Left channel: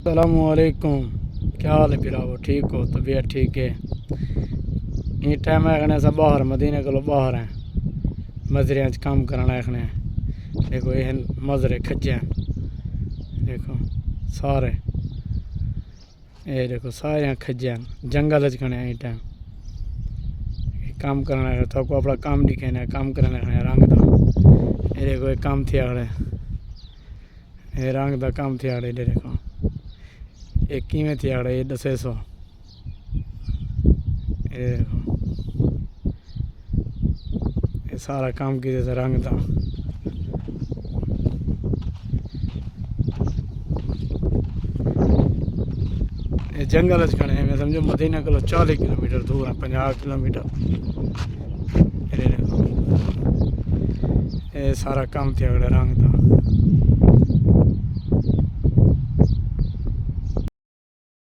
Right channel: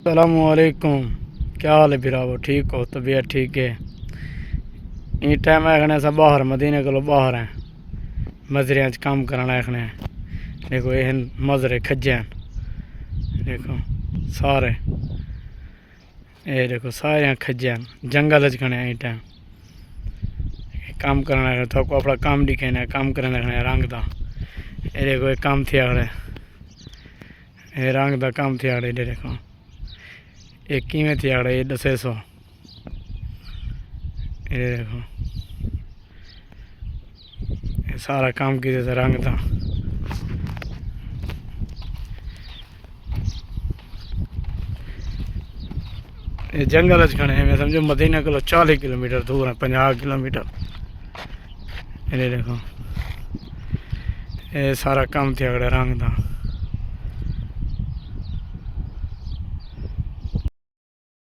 अस्सलामुअलैकुम। क्या हाल है बिरावो, ठीक हो? तबीयत ठीक है? ये टाइम आखने सब बाहर मदीने को बाहर हैं, मजरे काम करना आखने। देखो ये मजरे खज्जे हैं, देखो सारे, ये देखो सारे खज्जे हैं, जंगल खने हैं। टाइम काम करना है तो अपना काम दिखाना, काम करना है रंग का। ये देखो ये काम थे आड़े, ये रंग का काम थे आड़े। देखो एक किमें थी आड़े, ये 1000। ये देखो ये सारा काम की जैसे रंग था। ये जंगल खड़े हैं, मैं समझो मदीना को 40 किलोमीटर दूर है, 50 किलोमीटर। ये देखो ये सारा काम थे अगड़े रंग था।